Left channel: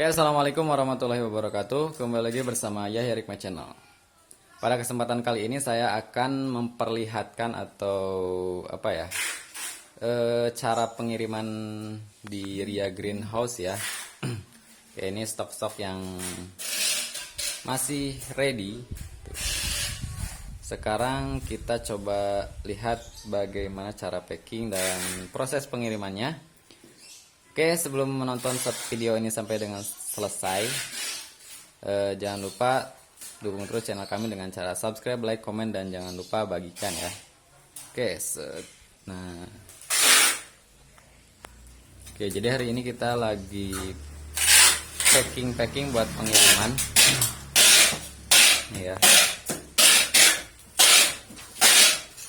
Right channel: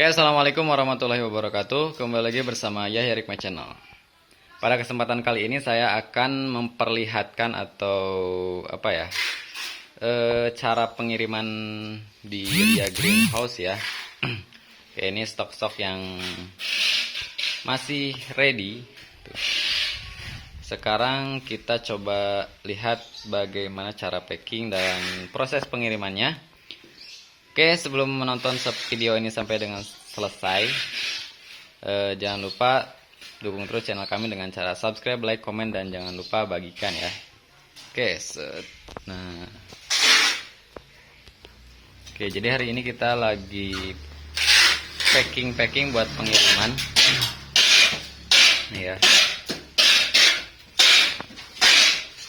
Oke, assalamualaikum warahmatullahi wabarakatuh. Kembali lagi bersama Yahya Hikmah Channel. Pada kesempatan kali ini saya akan memperlihatkan atau cara pengiriman di Ria Greenhouse ya. Oke, ini stok-stok yang masih ready. Sekarang kita coba lihat bagaimana cara packing dan proses pengirimannya. Oke, sebelum menonton video ini sampai dengan selesai, jangan lupa dukung terus channel kami dengan cara subscribe, like, komen, dan jangan lupa bagikan ya. Oke, jadi hari ini kita lagi packing buat pengiriman. Nih ya.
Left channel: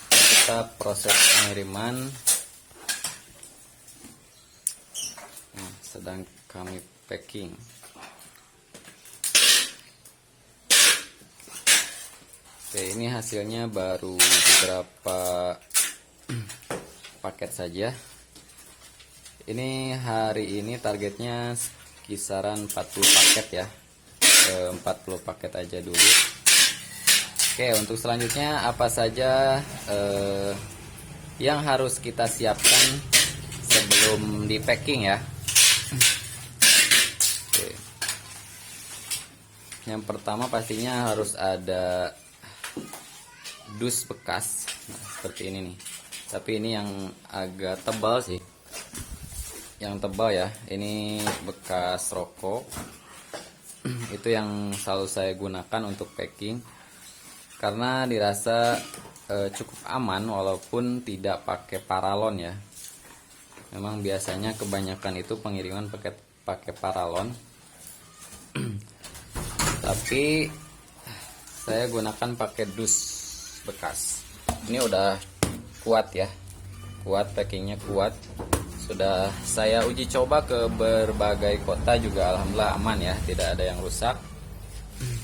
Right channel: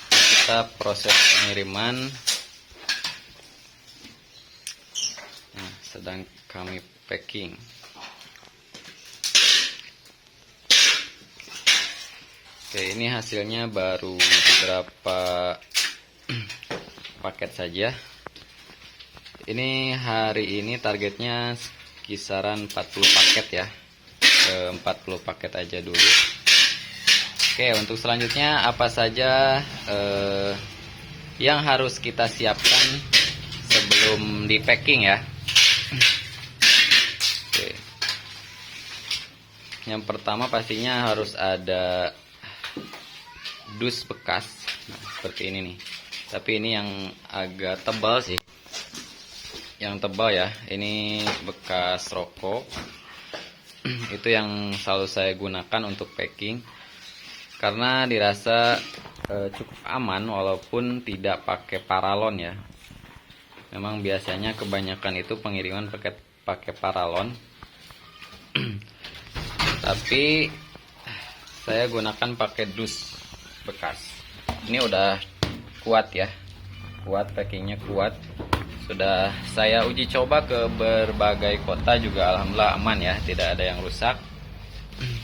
Kita proses pengiriman. Sedang kami packing. Oke, ini hasilnya baru beberapa paket saja. Ini hari ini targetnya kisaran 40 paket ya. 40 paket aja dulu. Oke, untuk selanjutnya apa saja yang harus kita siapkan sebelum di packing ya. Oke. Yang pertama pastinya harus ada dus bekas. Nah, seperti ini nih. Tapi ini yang agak tebal sih. Yang tebal ya. Ini bekas rokok. Itu yang selalu saya gunakan untuk packing. Karena dirasa cukup aman walaupun tidak pakai paralon ya. Memang biasanya kebanyakan itu pengiriman pakai paralon. Tapi saya gunakan pakai dus bekas. Ini udah kuat ya. Kuat, packingnya kuat. Sudah saya uji coba ke berbagai kota juga alhamdulillah aman ya, tidak ada yang rusak.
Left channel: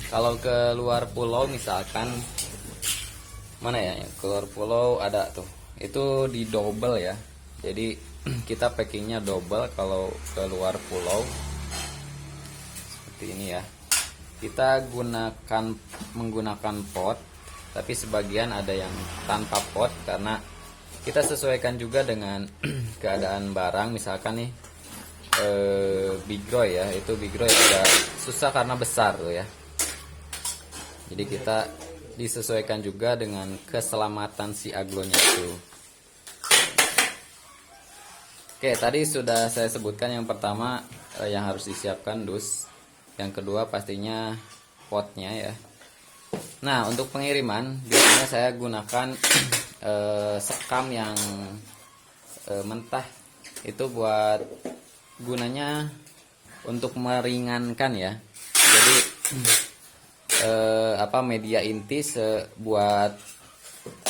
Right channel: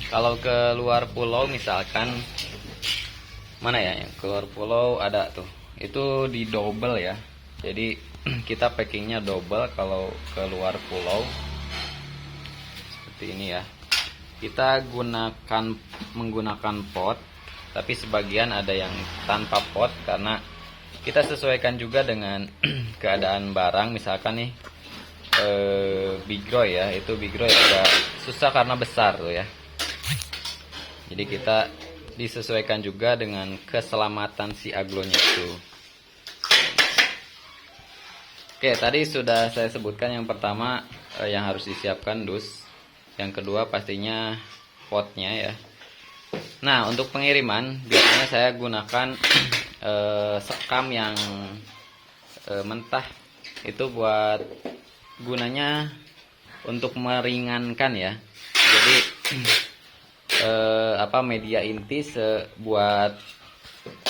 Kalau ke luar pulau misalkan, mana ya yang keluar pulau ada tuh. Itu di double ya. Jadi kita packingnya double kalau ke luar pulau seperti ini ya. Kita menggunakan pot, tapi sebagian ada yang tanpa pot karena kita sesuaikan juga dengan keadaan barang. Misalkan nih bigroy ya, itu bigroy agak susah karena besar tuh ya. Jadi kita disesuaikan juga dengan keselamatan si aglonya itu. Oke, tadi sudah saya sebutkan yang pertama yang harus disiapkan dus. Yang kedua pastinya potnya ya. Nah, untuk pengiriman biasanya saya gunakan sekam yang mentah. Itu buat gunanya untuk meringankan ya. Jadi media inti buat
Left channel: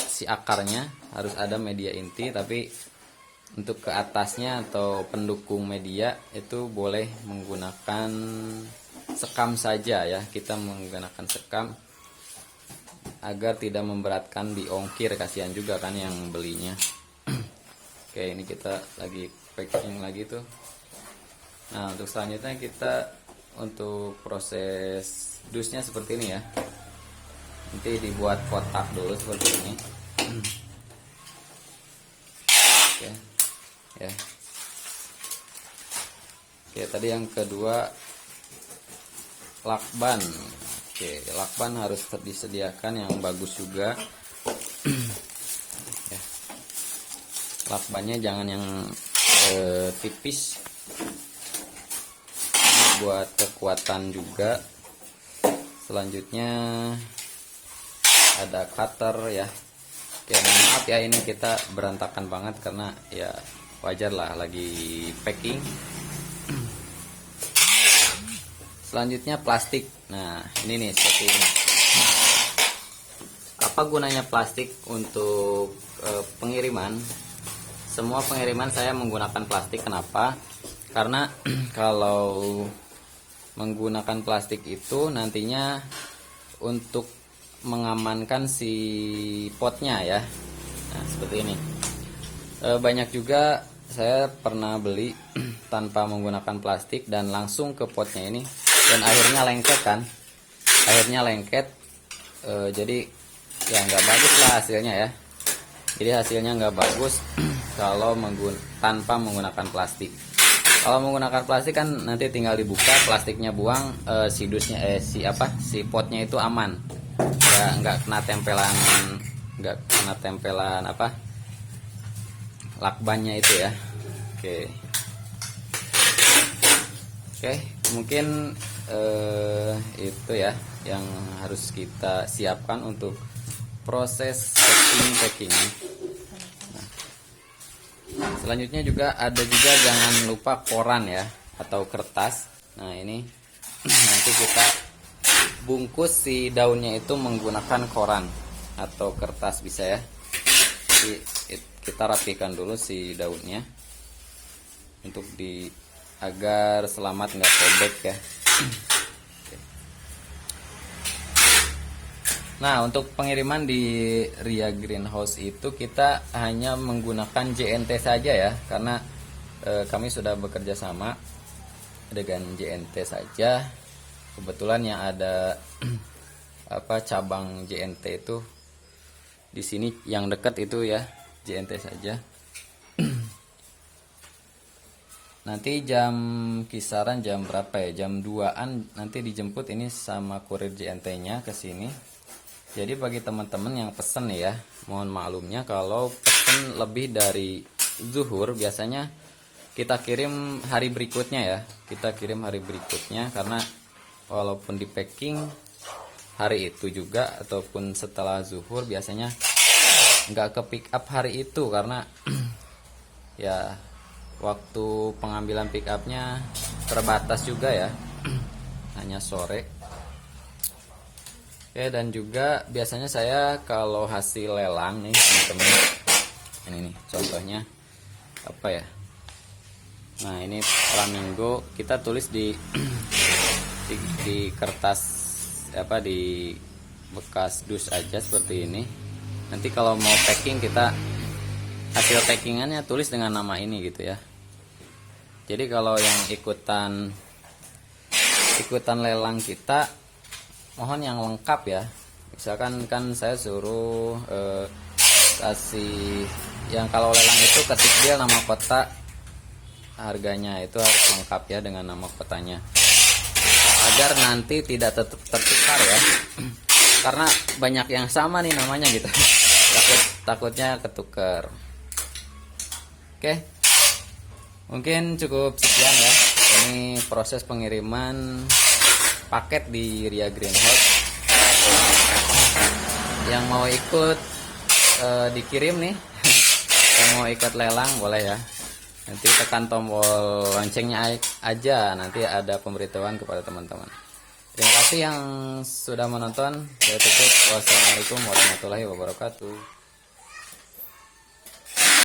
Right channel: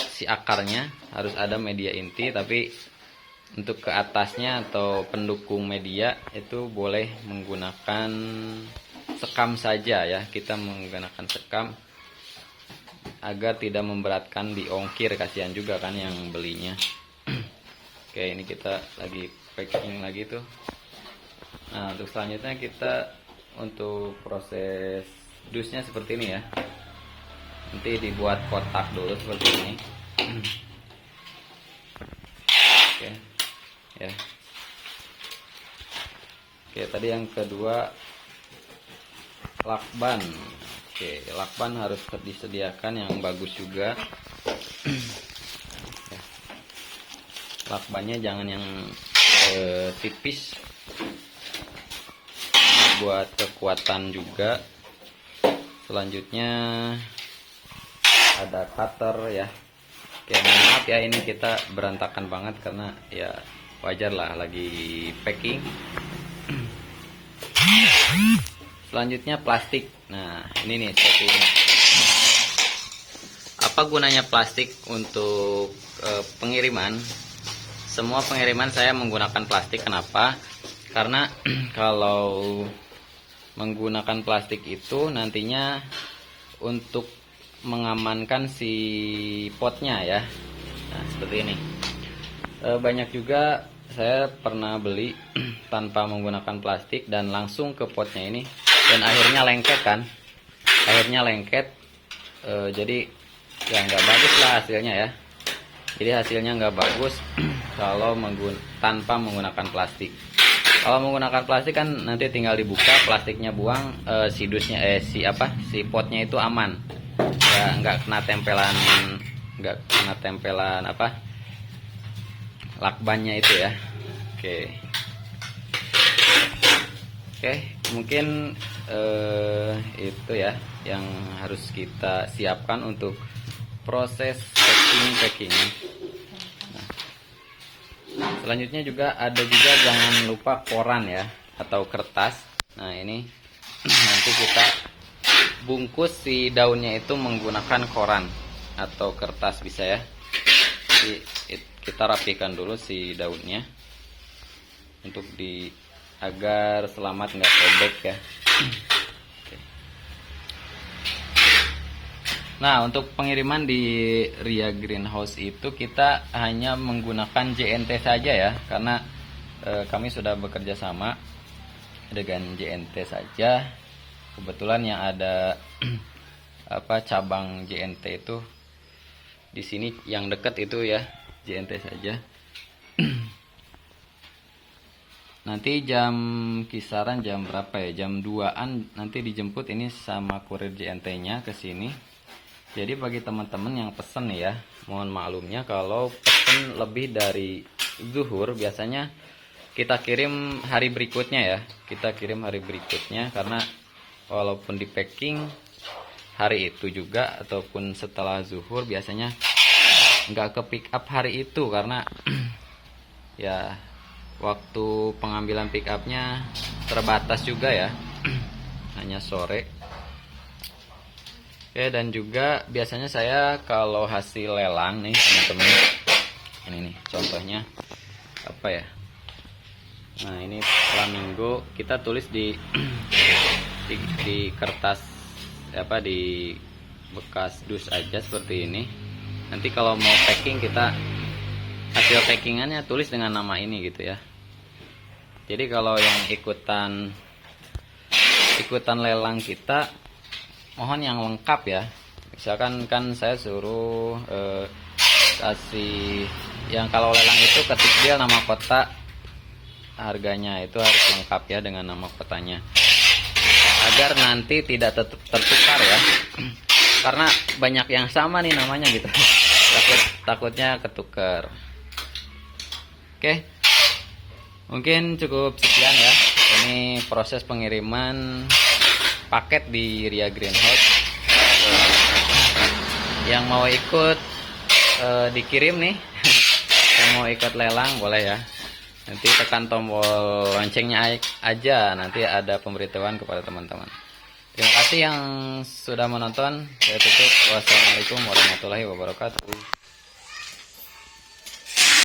si akarnya harus ada media inti, tapi untuk ke atasnya atau pendukung media itu boleh menggunakan sekam saja ya. Kita menggunakan sekam agar tidak memberatkan di ongkir, kasihan juga kan yang belinya. Oke, ini kita lagi packing lagi tuh. Nah, untuk selanjutnya kita untuk proses dusnya seperti ini ya. Nanti dibuat kotak dulu seperti ini. Oke. Ya. Oke, tadi yang kedua lakban. Oke, lakban harus disediakan yang bagus juga. Ya. Lakbannya jangan yang tipis. Buat kekuatan juga. Selanjutnya ada cutter ya. Oke, maaf ya ini kita berantakan banget karena ya wajar lah lagi packing. Selanjutnya plastik. Nah, ini nih seperti ini. Apa gunanya plastik untuk pengiriman? Semua pengiriman saya menggunakan plastik. Kenapa? Karena kalau menggunakan plastik itu nantinya untuk mengamankan si potnya ya. Nah, seperti ini. Banyak juga saya pernah beli tanpa menggunakan plastik dan langsung ke potnya ini, dan akhirnya lengket kan, jadi ya nggak bagus lah hasilnya ya. Jadi hasilnya nggak bagus kalau tanpa menggunakan plastik. Kalau menggunakan plastik kan nanti tinggal dibuka, plastiknya buang, si potnya itu aman, nggak kena tempelan lakbannya itu ya. Oke, mungkin itu ya yang harus kita siapkan untuk proses packing. Nah, selanjutnya juga ada jangan lupa koran ya, atau kertas. Nah, ini nanti kita bungkus si daunnya itu menggunakan koran atau kertas bisa ya. Jadi kita rapikan dulu si daunnya untuk agar selamat nggak sobek ya. Nah, untuk pengiriman di Ria Greenhouse itu kita hanya menggunakan JNT saja ya, karena kami sudah bekerja sama dengan JNT saja. Kebetulan yang ada cabang JNT itu di sini yang dekat itu ya, JNT saja. Nanti kisaran jam berapa ya? Jam 2-an nanti dijemput ini sama kurir JNT-nya ke sini. Jadi bagi teman-teman yang pesen ya, mohon maklumnya kalau pesen lebih dari zuhur, biasanya kita kirim hari berikutnya ya. Karena walaupun di packing hari itu juga ataupun setelah zuhur, biasanya nggak ke pick up hari itu karena ya waktu pengambilan pick upnya terbatas juga ya, hanya sore. Oke, dan juga biasanya saya kalau hasil lelang nih teman-teman, ini nih contohnya apa ya. Nah, ini flamingo kita tulis di kertas di bekas dus aja seperti ini. Nanti kalau mau packing, kita hasil packingannya tulis dengan nama ini gitu ya. Jadi kalau yang ikutan lelang kita, mohon yang lengkap ya. Misalkan kan saya suruh kasih yang kalau lelang itu ketik dia nama kota, harganya itu harus lengkap ya dengan nama kotanya, agar nanti tidak tertukar ya. Karena banyak yang sama nih namanya gitu. takutnya ketukar. Oke, mungkin cukup sekian ya. Ini proses pengiriman paket di Ria Greenhouse. Yang mau ikut dikirim nih, yang mau ikut lelang boleh ya. Nanti tekan tombol loncengnya aja, nanti ada pemberitahuan kepada teman-teman. Terima kasih yang sudah menonton. Saya tutup. Wassalamualaikum warahmatullahi wabarakatuh.